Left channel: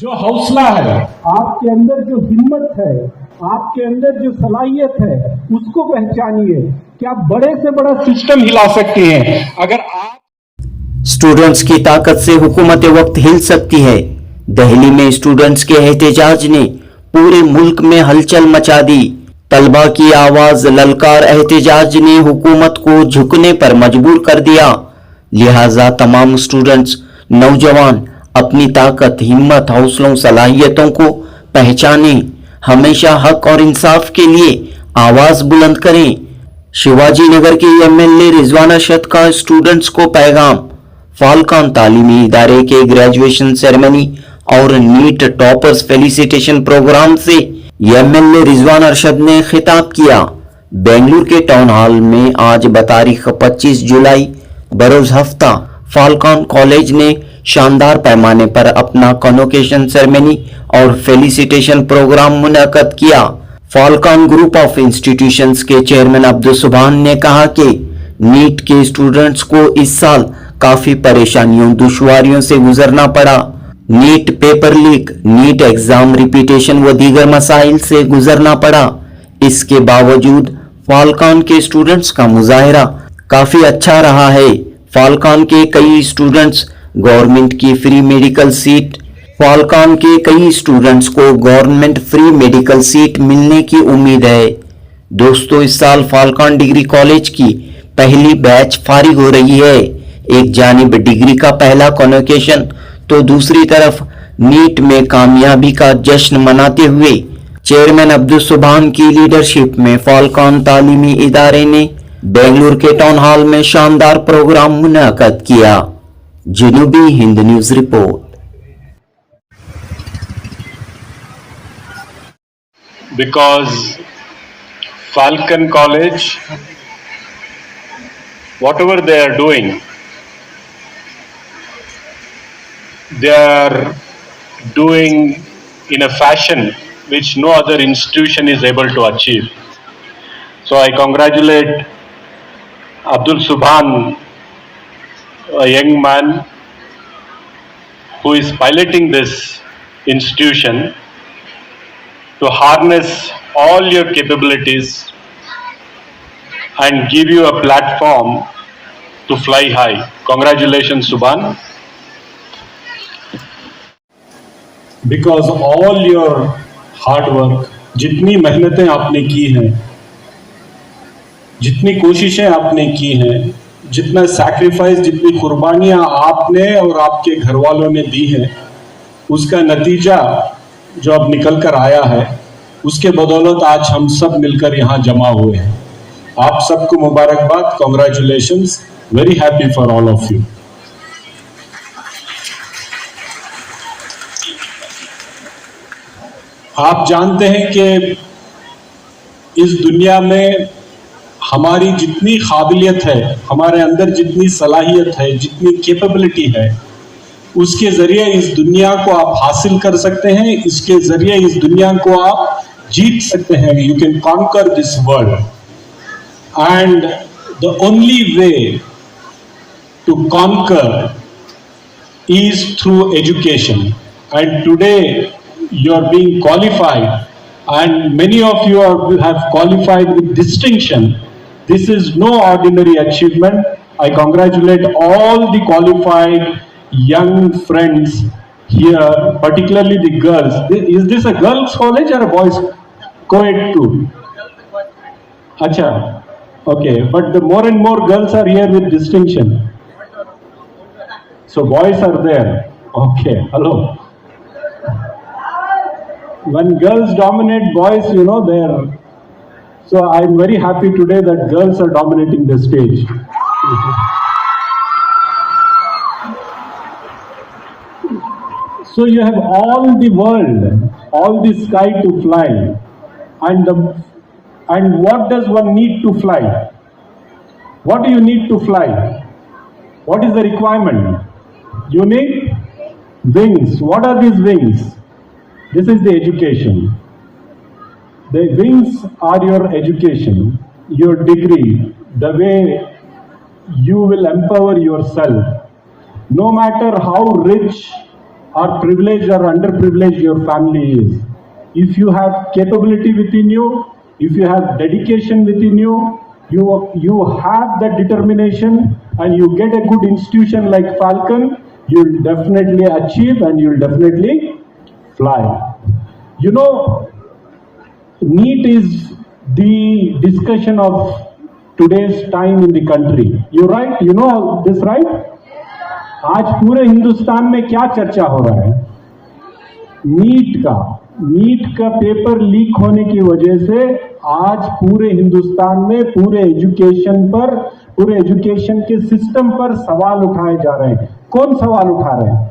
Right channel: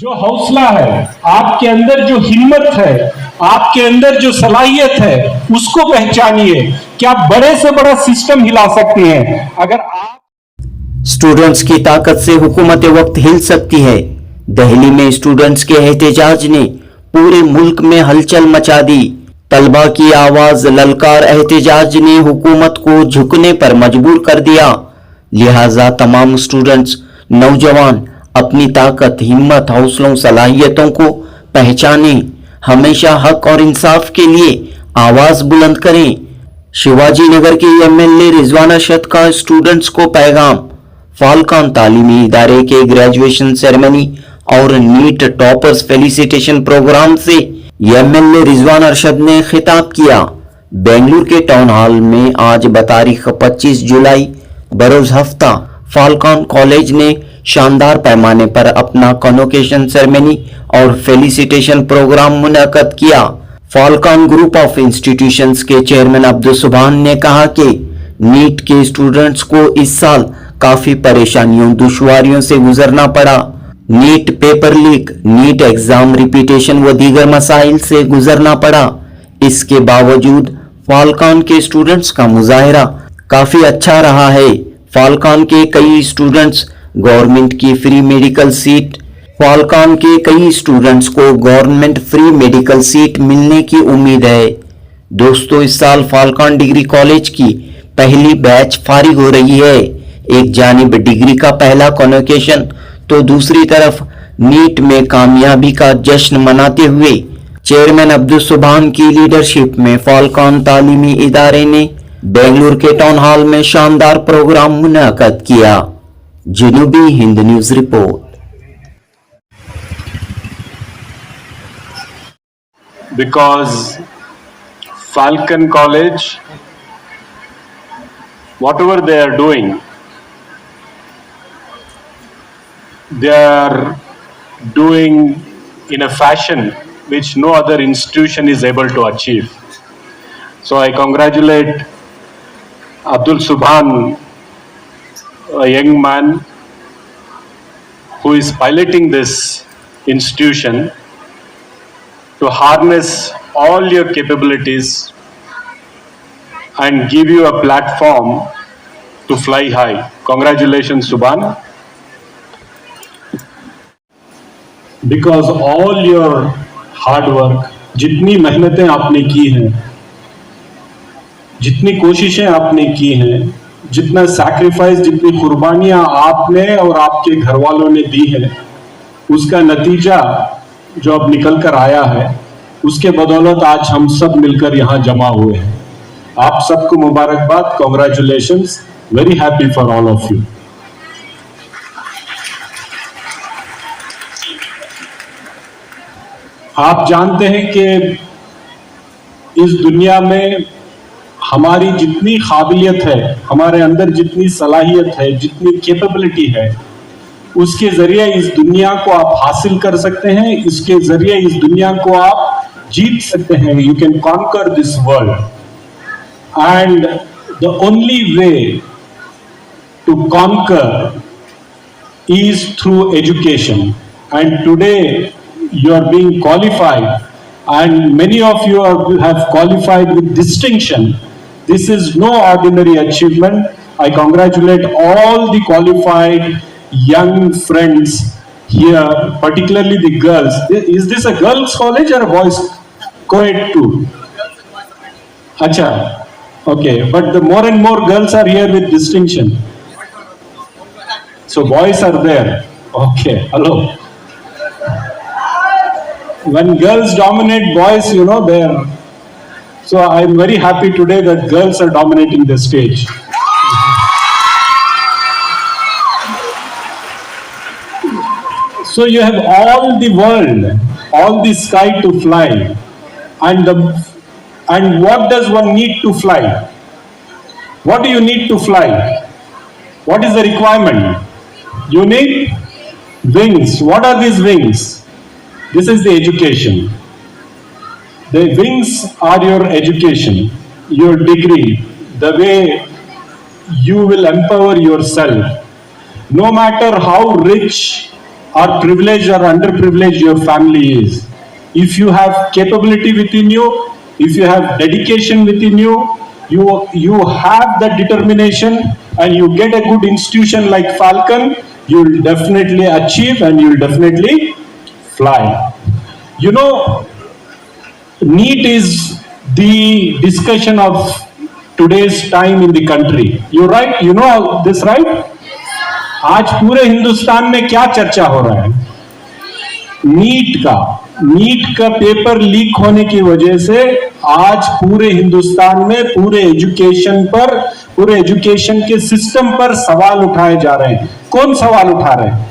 जो हौसला है, आपके अंदर जो हिम्मत है, आपके अंदर जो सलाहियत है, उसको पहचानिए कि आप बड़े से बड़ा सिस्टम हिला सकते हैं। अगर आप स्टूडेंट्स की ताकत से हुकूमत वक्त हिल सकती है। दिल्ली में स्टूडेंट्स के एहतजाज ने पूरे मुल्क में हलचल मचा दी। तलबा की आवाज ललकार एहतजाज ने हुकूमत को झुकने पर मजबूर कर दिया। लिहाजा तमाम स्टूडेंट्स, नौजवान अपनी ताकत, हिम्मत, हौसलों, सलाहियतों को पहचाने, हमेशा हक और इंसाफ के लिए आवाज बुलंद करें। शिवाजी नगर के एमएलए रिजवान अरशद का स्टूडेंट्स को पैगाम। फाल्कन तालीमी इदारे के ग्रेजुएशन सेरेमनी और नीट टॉपर्स फेलिसिटेशन प्रोग्राम से एमएलए रिजवान अरशद ने खिताब किया। बेंगलुरु के टाउन हॉल में आज बतारीख 25 जुलाई बरोज हफ्ता फाल्कन कॉलेज ने शानदार पैमाने पर अपना कॉन्वोकेशन सेरेमनी और फेलिसिटेशन प्रोग्राम मुनक्कद किया। फाल्कन ग्रुप ऑफ इंस्टीट्यूशंस के चेयरमैन अब्दुल सुभान ने कहा कि नीट के स्टूडेंट्स को इस साल काफी परेशानियों, दुश्वारियों से गुजरना पड़ा। NEET paper leak, NEET exam repetition व दीगर मसाइल से गुजरना पड़ा। इसके बावजूद फाल्कन के स्टूडेंट्स का मुजाहिरा काफी अच्छा रहा है। फाल्कन के कई स्टूडेंट्स गवर्नमेंट की फ्री मेडिकल सीट फाल्कन के कई स्टूडेंट्स को गवर्नमेंट फ्री मेडिकल सीट मिलने की उम्मीद है। दोस्तों, इस साल फाल्कन डिग्री कॉलेज की पहली बैच फारिग हो रही है। एक जानिब डिग्री का पहला कॉन्वोकेशन तो दूसरी तरफ नीट में कामयाबी का जश्न मनाते हुए चेयरमैन अब्दुल सुभान की लीडरशिप में फाल्कन तालीमी इदारे ने बेंगलुरु के टाउन हॉल में शानदार प्रोग्राम मुनक्कद किया। जनूबी Hind News report. because Falcon College, whatever they are doing, they are doing in a fashion which no other institution is able to achieve. So I congratulate Abdul Subhan, a young man who is piloting this institution to harness all your capabilities and give you a platform to fly high. Congratulations, Subhan. Because all your hard work, जितनी मेहनतें आपने की हैं, जितनी कोशिशें आपने की हैं, जितना सैक्रिफाइस, जितनी कुर्बानियां आपने और आपके घर वालों ने दी हैं, उसका नतीजा जो अब निकल कर आया है, उसके बदौलत आज हम सब मिलकर यहां जमा हुए हैं। आप सबको मुबारकबाद, congratulations, very happy for all of you. आप जानते हैं कि इस दुनिया में हमारी जितनी काबिलियत है, हमारे अंदर जितनी सलाहियत है, जितनी कैपेबिलिटी है, उसके जरिए इस दुनिया को आप हासिल कर सकते हैं, इसके जरिए इस दुनिया को आप जीत सकते हैं। You can conquer this world and the only way to conquer is through education, and today you are being qualified, and many of you have qualified with distinction. This is no ordinary achievement. I congratulate all the qualified young friends here, particularly the girls. Is this a girls college or a boys co-ed too? Acha, okay, but the more and more girls are here with distinction. So boys are there. Okay, hello. When girls dominate boys, you know, they're... So I'm very happy today that girls are dominating the stage. So you have all the world, all the sky to fly. And what does one need to fly? What do you need to fly? What is the requirement? You need wings. What are these wings? This is the education. The wings are your education, your degree, the way you will empower yourself. No matter how rich or privileged or underprivileged your family is. If you have capability within you, if you have dedication within you, you have that determination and you get a good institution like Falcon, you will definitely achieve and you will definitely fly. You know, NEET is the discussion of today's time in the country. You're right, you know this, right? आज पूरे हिंदुस्तान में क्या चर्चा हो रहा है? नीट का paper leak होने की वजह से आज पूरे हिंदुस्तान में पूरे एजुकेशन के सिस्टम पर सवाल उठाए जा रहे हैं। कौन सवाल उठा रहे हैं?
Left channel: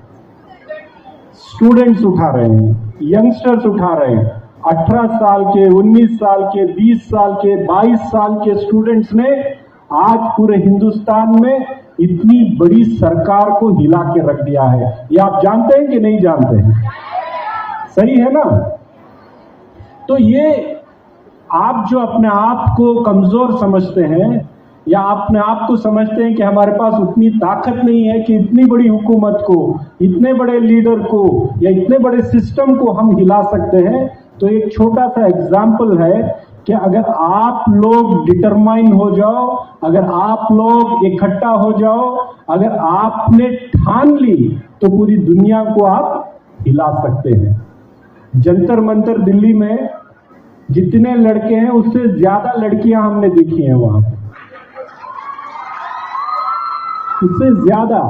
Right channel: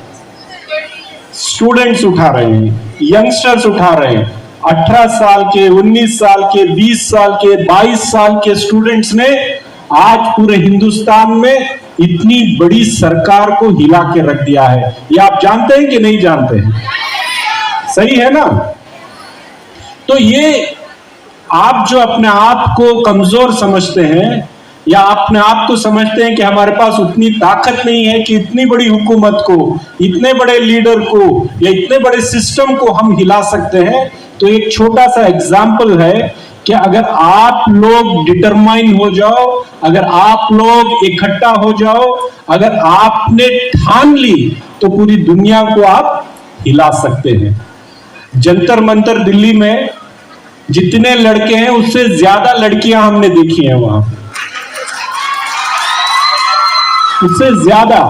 स्टूडेंट्स उठा रहे हैं, यंगस्टर्स उठा रहे हैं। 18 साल के, 19 साल के, 20 साल के, 22 साल के स्टूडेंट्स ने आज पूरे हिंदुस्तान में इतनी बड़ी सरकार को हिला के रख दिया है। ये आप जानते हैं कि नहीं जानते हैं? सही है ना? तो ये आप जो अपने आप को कमजोर समझते हैं या अपने आप को समझते हैं कि हमारे पास उतनी ताकत नहीं है कि इतनी बड़ी हुकूमत को, इतने बड़े लीडर को या इतने बड़े सिस्टम को हम हिला सकते हैं, तो एक छोटा सा एग्जाम्पल है कि अगर आप लोग डिटरमाइन हो जाओ, अगर आप लोग इकट्ठा हो जाओ, अगर आपने ठान ली तो पूरी दुनिया को आप हिला सकते हैं। जंतर मंतर दिल्ली में जितने लड़के हैं उससे ज्यादा लड़कियां हमने देखी हैं वहां, उससे ज्यादा।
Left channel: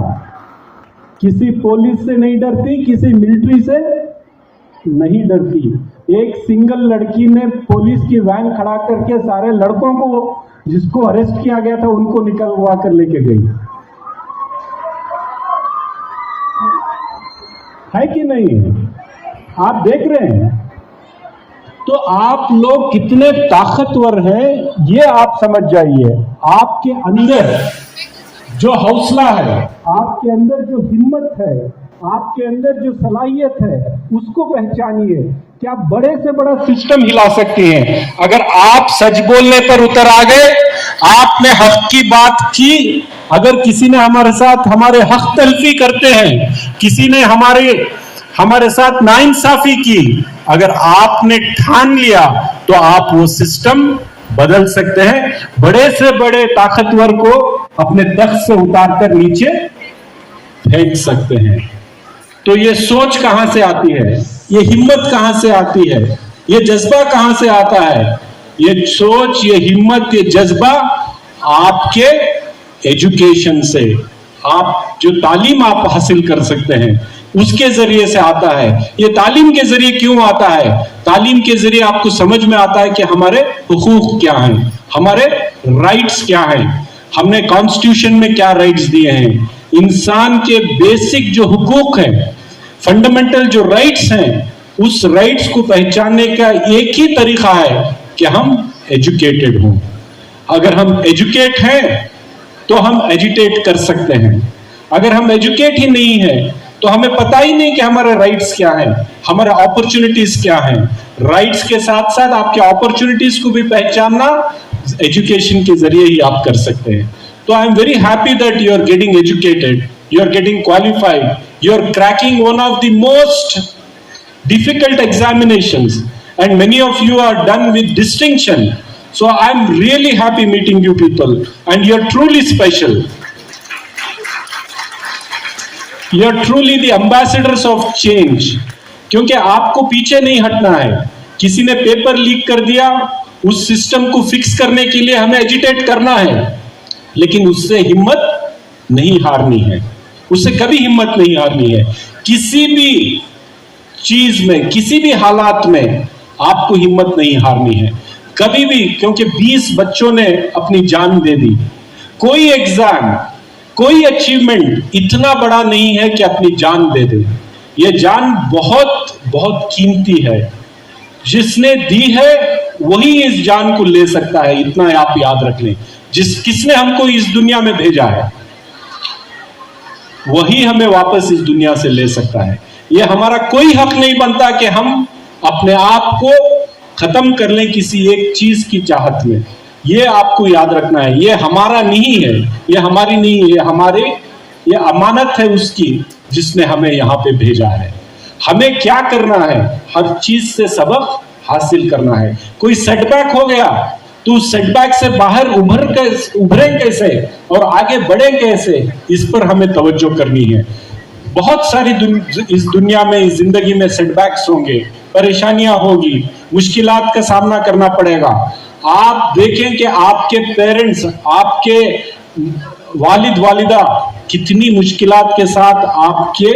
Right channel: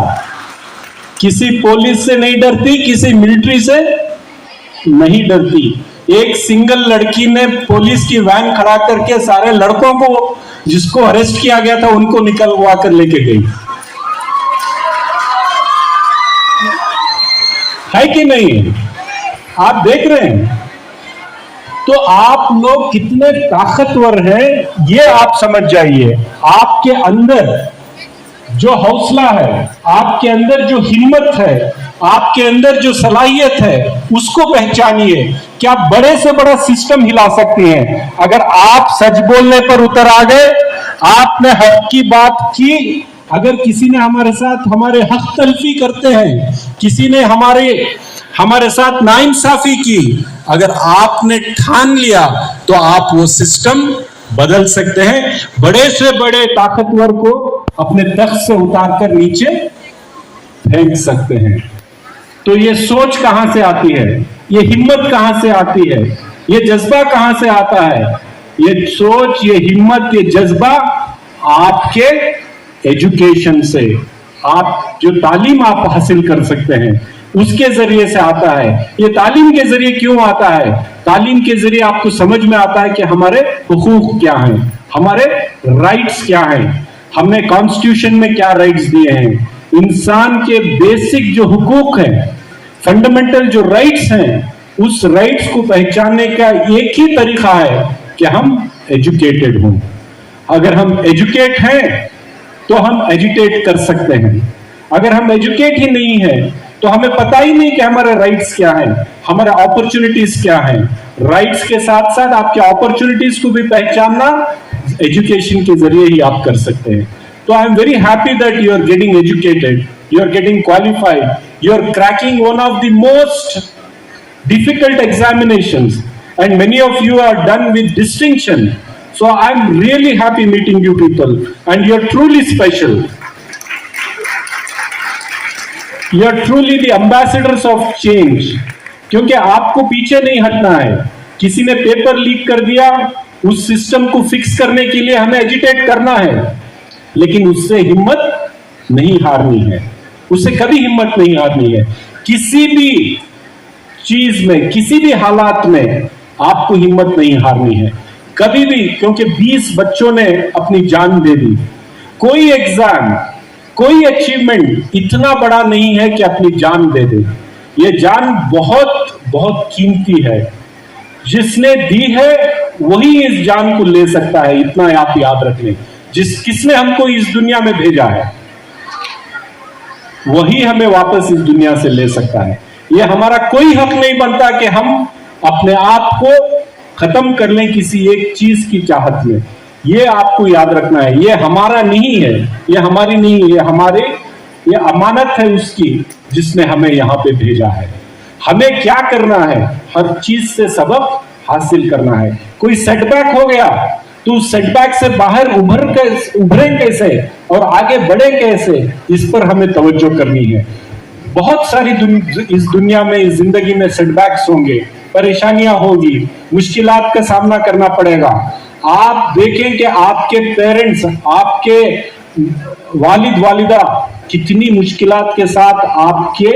किसी पुलिस से नहीं डरती, किसी मिलिट्री से नहीं डरती। एक सिंगल लड़की ने पुलिस की वैन खड़ा करके सारे लड़कों को जिसको अरेस्ट किया गया था उनको निकलवा कर लेके गई। है कि नहीं? आप देख रहे हैं। तो आप लोग कितने ताकतवर हैं ये आप समझ जाइए। आपके अंदर जो हौसला है, आपके अंदर जो हिम्मत है, आपके अंदर जो सलाहियत है, उसको पहचानिए कि आप बड़े से बड़ा सिस्टम हिला सकती हैं। अगर आप सच बोलने पर उतर आ गए, आपने हक की बात की, अगर किसी ने हमारे साथ हमारे हक तलफी करते हैं, किसी ने हमारे साथ नाइंसाफी की, अगर आपने ठान लिया तो आप वो सिस्टम बदल सकते हैं। बड़े से बड़े ताकतवर को अपने तख्त से उतार कर नीचे फेंक सकते हैं। तो ये सोच कहां से आती है? ये हिम्मत कहां से आती है? ये जज्बा कहां से आता है? ये सोच, ये हिम्मत, ये जज्बा आपके एजुकेशन से, आप जो तालीम आप हासिल कर सकते हैं उसके जरिए से आता है। ये तालीम के जरिए क्यों आता है? तालीम के जरिए आपको समझ में आता है कि हमारे हुकूक क्या हैं, हमारे राइट्स क्या हैं, हमने कॉन्स्टिट्यूशन में क्या राइट्स दिए हैं। इंसान के बेसिक जो हुकूक हैं, फंडामेंटल जो राइट्स हैं, उस राइट्स को पहचानने का एक ही तरीका है कि हम एजुकेटेड हों। अगर हम एजुकेट हैं तो हम एजिटेट कर सकते हैं। अगर हम एजुकेट ही नहीं है तो हमें पता ही नहीं कि हमारे राइट्स क्या हैं, हमारे अपॉर्चुनिटीज क्या हैं। राइट्स के साथ साथ आपके अपॉर्चुनिटीज को भी पहचानना एजुकेशन के जरिए ही आप कर सकते हैं। तो I am very happy that you are getting educated, you are getting qualified, you are cracking one of the most difficult examinations and many of you are done with distinction. So I'm really happy meeting you people and you're truly special. You're truly the ambassadors of change. क्योंकि आपको पीछे नहीं हटना है। किसी ने paper leak कर दिया, उस सिस्टम को फिक्स करने के लिए हमें एजिटेट करना है, लेकिन उससे हिम्मत नहीं हारनी है, उससे कभी हिम्मत नहीं हारनी है। किसी भी चीज में, किसी भी हालात में आपको हिम्मत नहीं हारनी है कभी भी, क्योंकि 20 बच्चों ने अपनी जान दे दी। कोई एग्जाम, कोई अचीवमेंट इतना बड़ा नहीं है कि अपनी जान दे दे। ये जान बहुत बहुत कीमती है। जिसने दी है वही इस जान को ले सकता है, इतना आप याद रख लें। किसने हमको इस दुनिया में भेजा है वही हमें वापस इस दुनिया से ले सकता है। ये हमारा कोई हक नहीं बनता कि हम अपने आप को खत्म कर लें किसी एक चीज की चाहत में। ये आपको याद रखना है, ये हमारा नहीं है, ये हमारी नहीं है, ये हमारे ये अमानत है उसकी जिसने हमें यहाँ पे भेजा है। हमें क्या करना है, हर चीज से सबक हासिल करना है। कोई सेटबैक हो गया तो उस सेटबैक से बाहर उभरे कैसे और आगे बढ़े कैसे, इस पर हमें तवज्जो करनी है। बहुत सारी इस दुनिया में, इस जिंदगी में सेटबैक्स होंगे, परेशानियां होगी, मुश्किलात का सामना करना पड़ेगा। आप देखें कि आपके पेरेंट्स, आपके वालिद वालिदा कितनी मुश्किलात के साथ आपके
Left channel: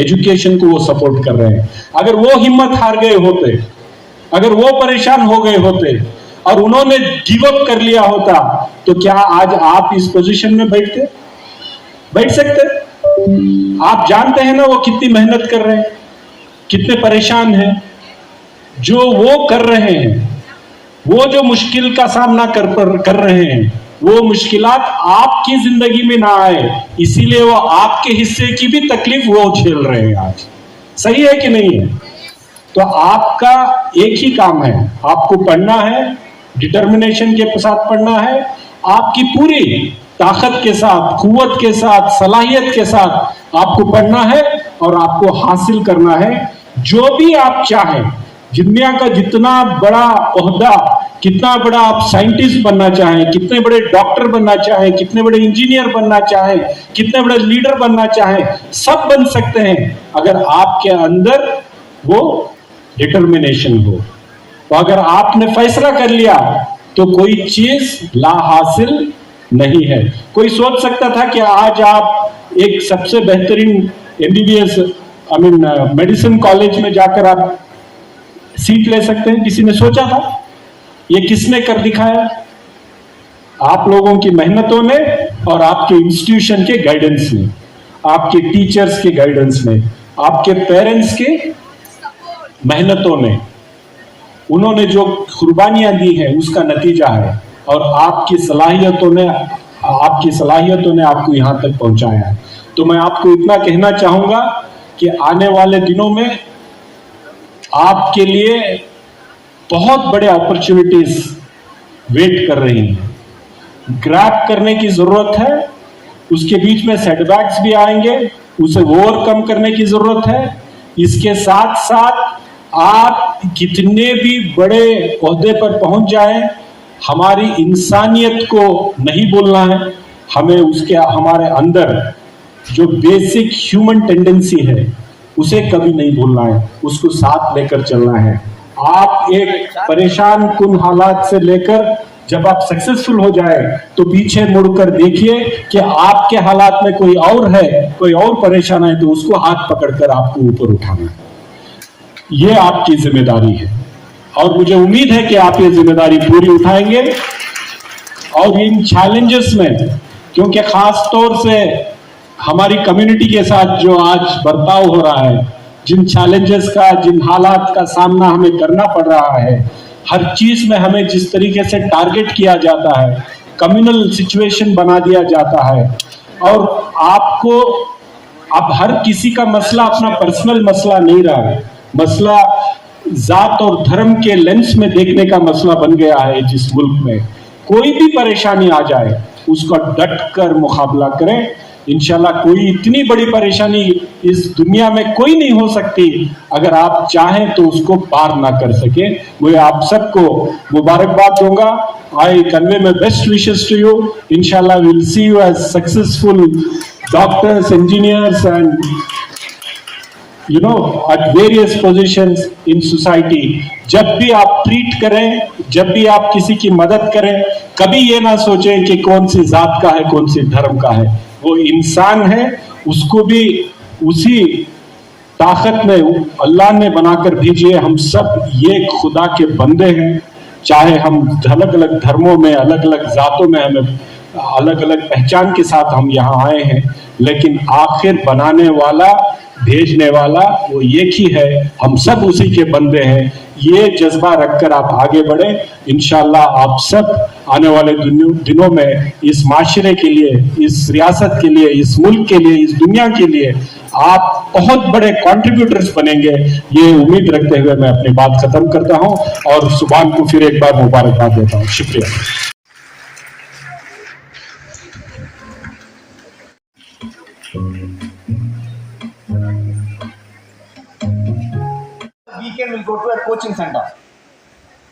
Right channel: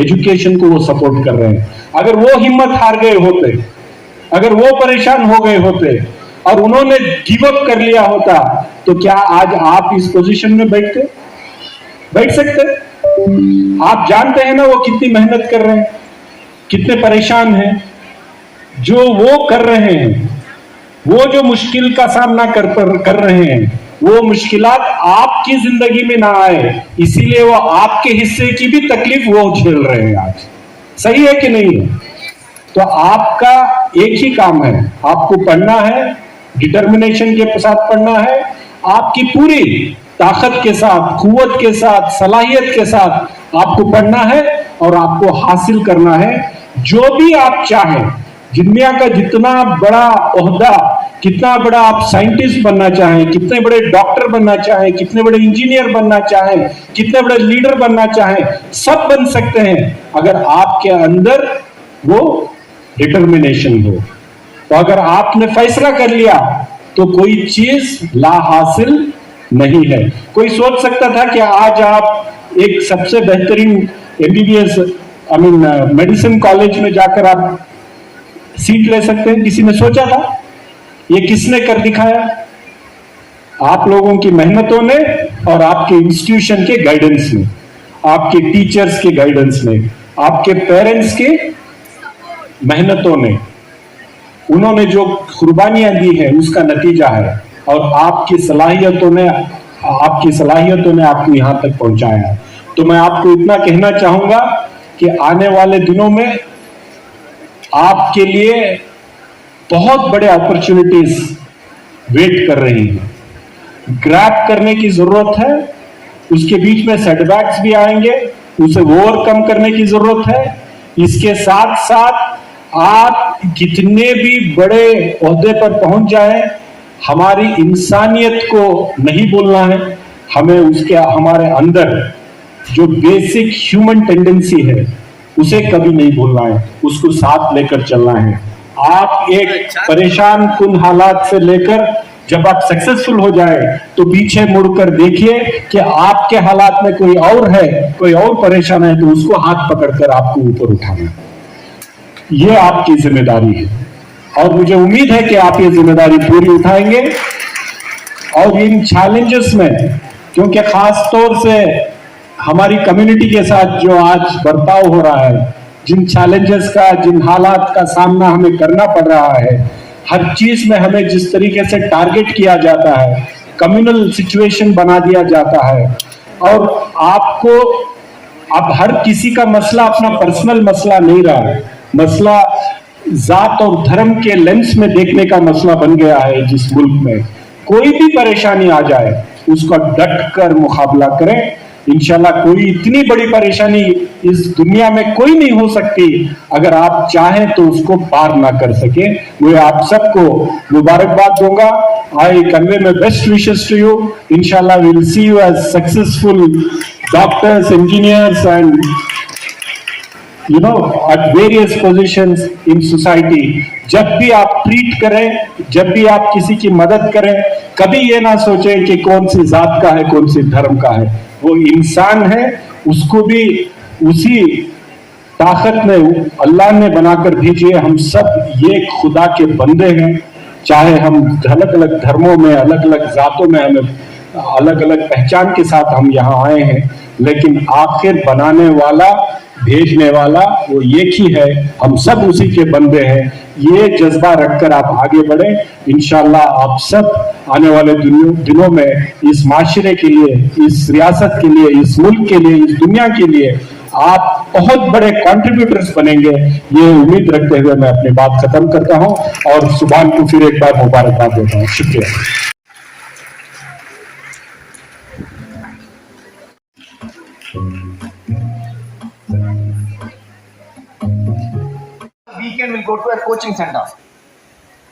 एजुकेशन को वो सपोर्ट कर रहे हैं। अगर वो हिम्मत हार गए होते, अगर वो परेशान हो गए होते और उन्होंने गिव अप कर लिया होता, तो क्या आज आप इस पोजीशन में बैठ सकते? आप जानते हैं ना वो कितनी मेहनत कर रहे हैं, कितने परेशान हैं। जो वो कर रहे हैं, वो जो मुश्किल का सामना कर रहे हैं, वो मुश्किलात आपकी जिंदगी में ना आए, इसीलिए वो आपके हिस्से की भी तकलीफ वो झेल रहे हैं आज। सही है कि नहीं है? तो आपका एक ही काम है, आपको पढ़ना है, डिटर्मिनेशन के साथ पढ़ना है, आपकी पूरी ताकत के साथ, कुव्वत के साथ, सलाहियत के साथ आपको पढ़ना है और आपको हासिल करना है जो भी आप चाहें। दुनिया का जितना बड़ा ओहदा, कितना बड़ा आप साइंटिस्ट बनना चाहें, कितने बड़े डॉक्टर बनना चाहें, कितने बड़े इंजीनियर बनना चाहें, कितने बड़े लीडर बनना चाहें, सब बन सकते हैं अगर आपके अंदर वो डिटर्मिनेशन हो। तो अगर आपने फैसला कर लिया तो कोई चीज ला हासिल नहीं है। कोई सोच सकता था कि आज आप एक सबसे बेहतरीन एमबीबीएस मेडिसिन कॉलेज में जाकर आप सीट ले सकते हैं? किसी ने सोचा था? ये किसने कर दिखाया? आप लोगों की मेहनतों ने और आपके इंस्टीट्यूशन के गाइडेंस ने, आपके टीचर्स के गाइडेंस ने, आपके पेरेंट्स के मेहनतों ने, उन्होंने जो कुर्बानियां दी है उसका नतीजा है। और आपकी सलाहियतों ने आपको यहां तक पहुंचाया है। तो मैं आपको इतना कहना चाहूंगा कि आने वाले दिनों में आपके लिए बहुत बड़े अपॉर्चुनिटीज वेट कर रही हैं। ग्रैब करने की जरूरत है, उसके बीच में सेटबैक्स भी आएंगे, उसे ओवरकम करने की जरूरत है। इसके साथ साथ आप कितने भी बड़े ओहदे पर पहुंच जाएं, हमारी इंसानियत को नहीं भूलना है। हमें हमारे अंदर जो बेसिक ह्यूमन टेंडेंसी है उसे कभी नहीं भूलना है, उसको साथ लेकर चलना है। आप एक परेशान कुन हालात से लेकर जब आप सक्सेसफुल हो जाए तो पीछे मुड़कर देखिए कि आपके हालात में कोई और है, कोई और परेशान है, तो उसको हाथ पकड़कर आपको ऊपर उठाना है। ये आपकी जिम्मेदारी है और मुझे उम्मीद है कि आप ये जिम्मेदारी पूरी उठाएंगे। और इन चैलेंजेस में, क्योंकि खास तौर से हमारी कम्युनिटी के साथ जो आज बर्ताव हो रहा है, जिन चैलेंजेस का, जिन हालात का सामना हमें करना पड़ रहा है, हर चीज में हमें जिस तरीके से टारगेट किया जाता है, कम्युनल सिचुएशन बना दिया जाता है, और आपको अब हर किसी का मसला अपना पर्सनल मसला नहीं रहा है, मसला जात और धर्म के लेंस में देखने का मसला बन गया है। जिस मुल्क में कोई भी परेशानी आ जाए उसका डट कर मुकाबला करें। इंशाल्लाह कोई इतनी बड़ी परेशानी इस दुनिया में कोई नहीं हो सकती अगर आप चाहें तो उसको पार ना कर सके। मैं आप सबको मुबारकबाद दूंगा। I convey my best wishes to you. इंशाल्लाह we will see you as successful doctors, engineers and at various positions in society। जब भी आप ट्रीट करें, जब भी आप किसी की मदद करें, कभी ये ना सोचें कि कौन सी जात का है, कौन सी धर्म का है। वो इंसान है, उसको भी उसी ताकत में अल्लाह ने बनाकर भेजी है। हम सब ये खुदा के बंदे हैं, चाहे हम अलग अलग धर्मों में, अलग अलग जातों में, हमें अलग अलग पहचान के साथ हम यहाँ आए हैं, लेकिन आखिर बनाने वाला, भेजने वाला वो एक ही है। हम सब उसी के बंदे हैं। ये जज्बा रखकर आप आगे बढ़े। इंशाल्लाह आप सब आने वाले दिनों में इस माशरे के लिए, इस रियासत के लिए, इस मुल्क के लिए, इस दुनिया के लिए आप बहुत बड़े कंट्रीब्यूटर्स बनेंगे। ये उम्मीद रखते हुए मैं अपनी बात खत्म करता हूं और सुभान को फिर एक बार मुबारकबाद देता हूं। शुक्रिया। Weekend will go to a coaching center.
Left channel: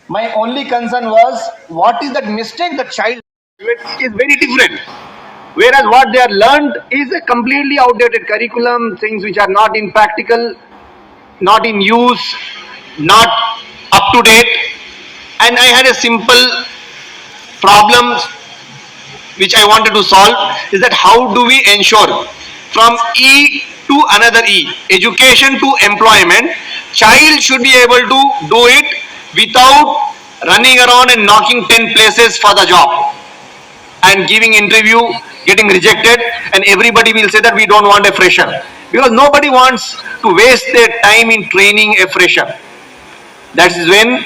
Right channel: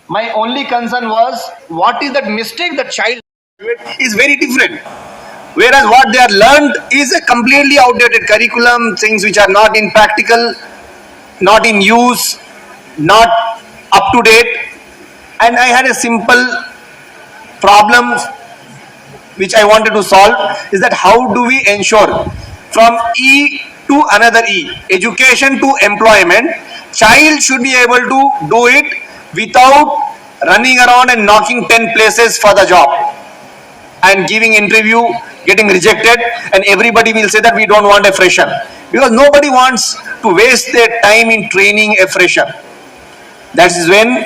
My only concern was what is that mistake the child is very different. Whereas what they are learned is a completely outdated curriculum, things which are not in practical, not in use, not up to date. And I had a simple problem which I wanted to solve is that how do we ensure from E to another E, education to employment, child should be able to do it without running around and knocking 10 places for the job and giving interview, getting rejected, and everybody will say that we don't want a fresher because nobody wants to waste their time in training a fresher. That is when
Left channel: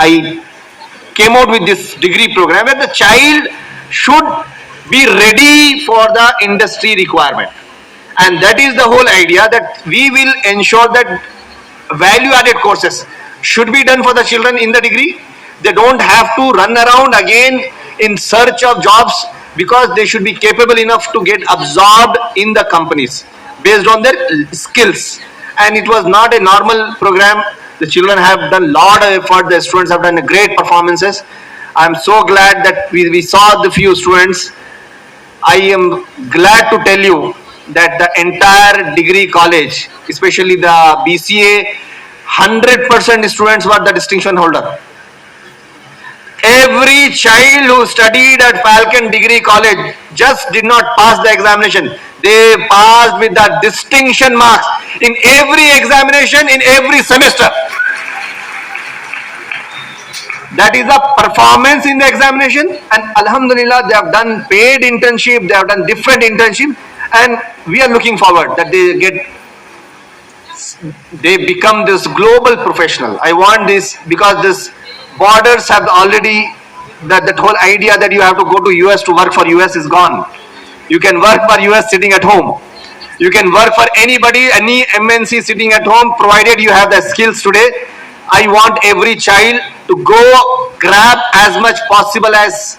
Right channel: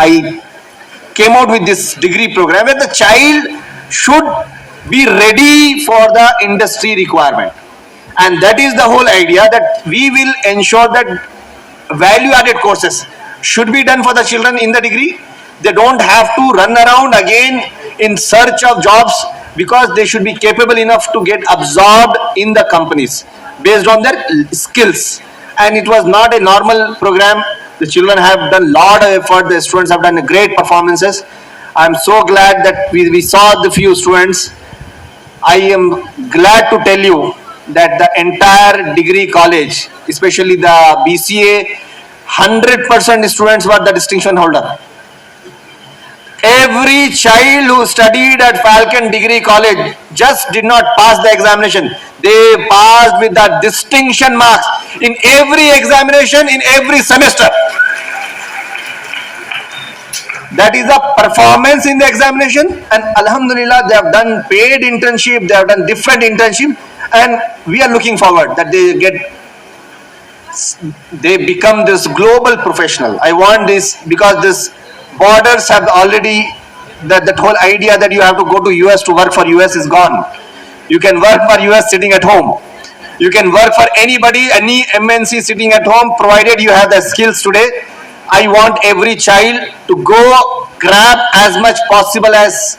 I came out with this degree program where the child should be ready for the industry requirement. And that is the whole idea, that we will ensure that value added courses should be done for the children in the degree. They don't have to run around again in search of jobs because they should be capable enough to get absorbed in the companies based on their skills. And it was not a normal program. The children have done a lot of effort. The students have done great performances. I'm so glad that we saw the few students. I am glad to tell you that the entire degree college, especially the BCA, 100% students were the distinction holder. Every child who studied at Falcon Degree College just did not pass the examination. They passed with the distinction marks in every examination, in every semester. That is the performance in the examination, and Alhamdulillah, they have done paid internship, they have done different internship, and we are looking forward that they become this global professional. I want this because this borders have already, that whole idea that you have to go to US to work for US is gone. You can work for US sitting at home. You can work for anybody, any MNC sitting at home, provided you have the skills today. I want every child to go grab as much possible as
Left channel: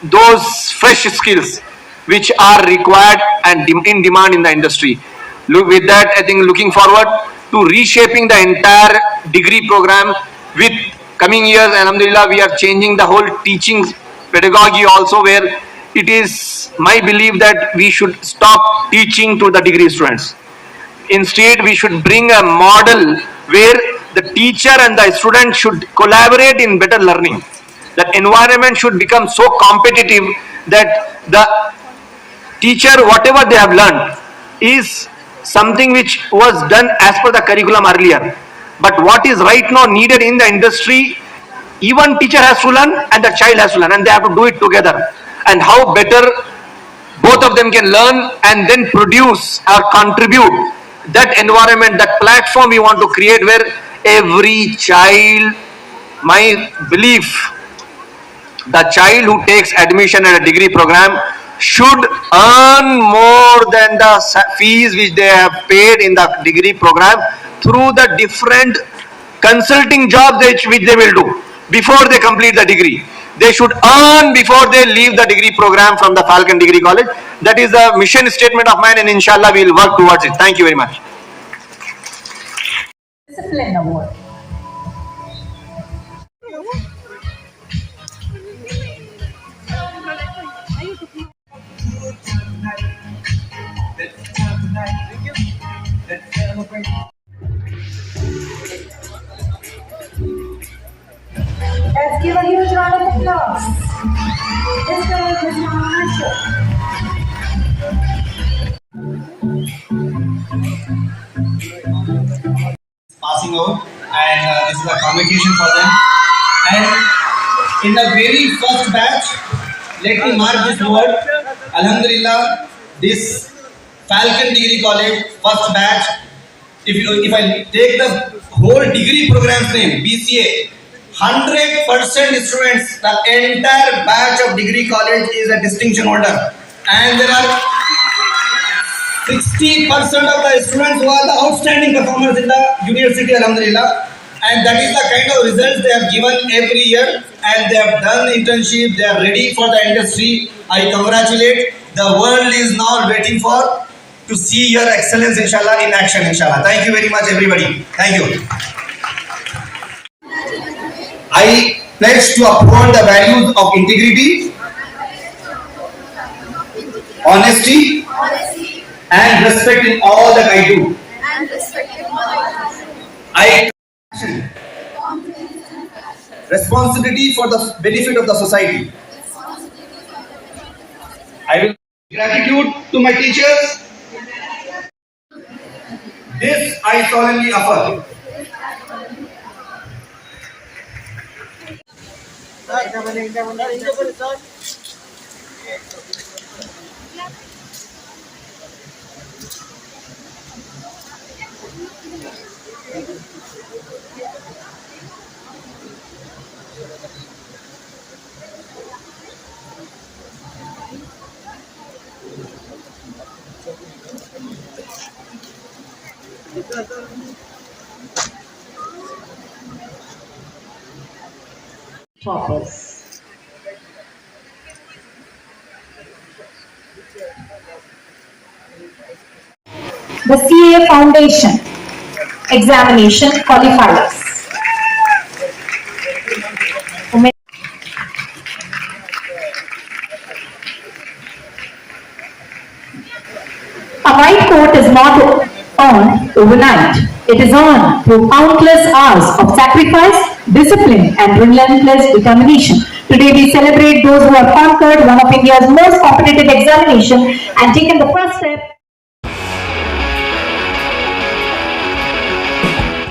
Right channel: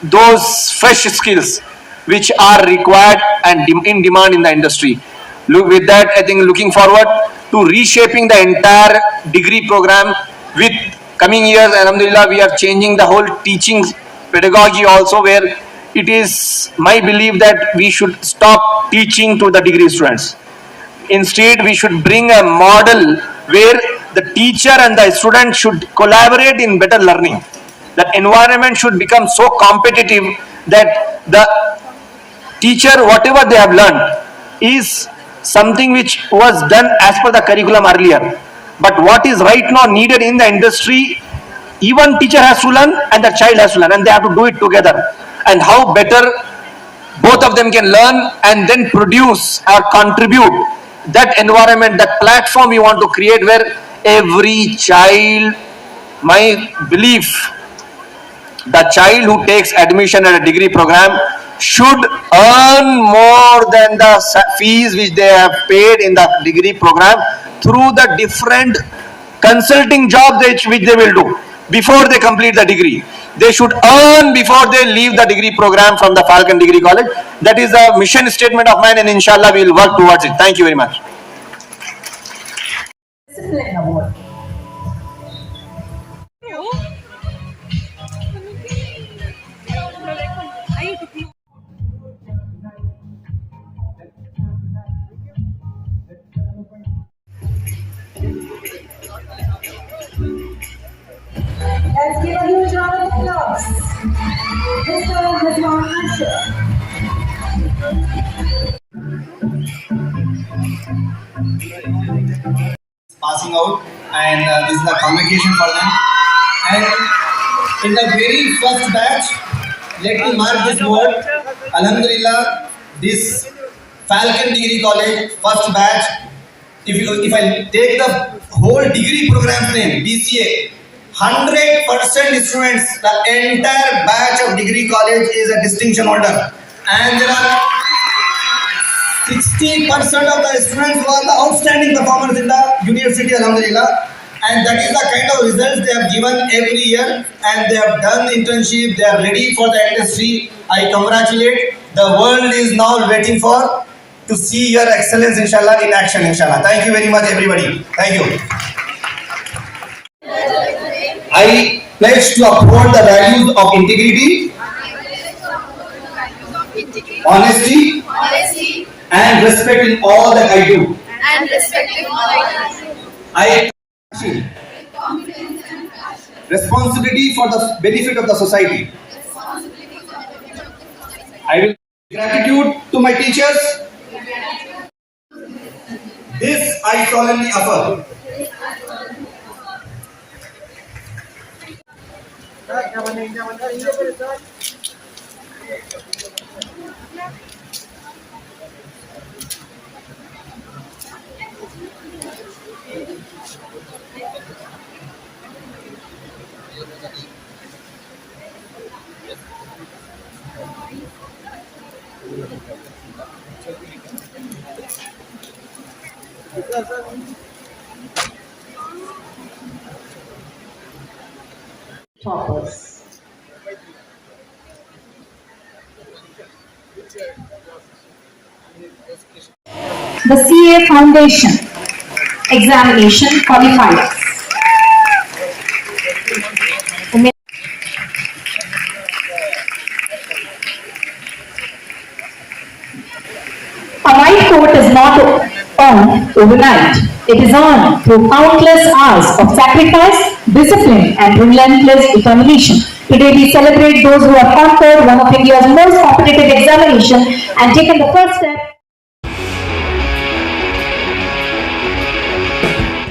those fresh skills which are required and in demand in the industry. Look, with that, I think looking forward to reshaping the entire degree program with coming years. Alhamdulillah, we are changing the whole teaching pedagogy also, where it is my belief that we should stop teaching to the degree students. Instead, we should bring a model where the teacher and the student should collaborate in better learning. That environment should become so competitive that the teacher, whatever they have learned, is something which was done as per the curriculum earlier. But what is right now needed in the industry, even teacher has to learn and the child has to learn, and they have to do it together. And how better both of them can learn and then produce or contribute that environment, that platform we want to create, where every child, my belief, the child who takes admission at a degree program should earn more than the fees which they have paid in the degree program through the different consulting jobs which they will do before they complete the degree. They should earn before they leave the degree program from the Falcon Degree College. That is the mission statement of mine, and inshallah we will work towards it. Thank you very much. Discipline Award. Let's give a huge round of applause. Mr. Rizwan Asher. Passing out, and this is the communication for them. And in the very first batch, let me mark this word. Alhamdulillah, this Falcon Degree College first batch. If I take the whole degree program's name, BCA, 100% students, the entire batch of degree college is a distinction holder, and there are 60% of the students who are the outstanding performers in the university, alhamdulillah, and that is the kind of results they have given every year, and they have done internship, they are ready for the industry, I congratulate. The world is now waiting for to see your excellence, inshallah, in action, inshallah. Thank you very much, everybody. Thank you. I pledge to uphold the values of integrity, honesty, and respect in all that I do. I responsibility for the benefit of the society. I will gratitude to my teachers. This I solemnly affirm. Toppers. The CA Foundation Examination Qualifiers. A white coat is not earned overnight. It is earned through countless hours of sacrifice, discipline, and relentless determination. Today we celebrate those who have conquered one of India's most competitive examinations and taken the first step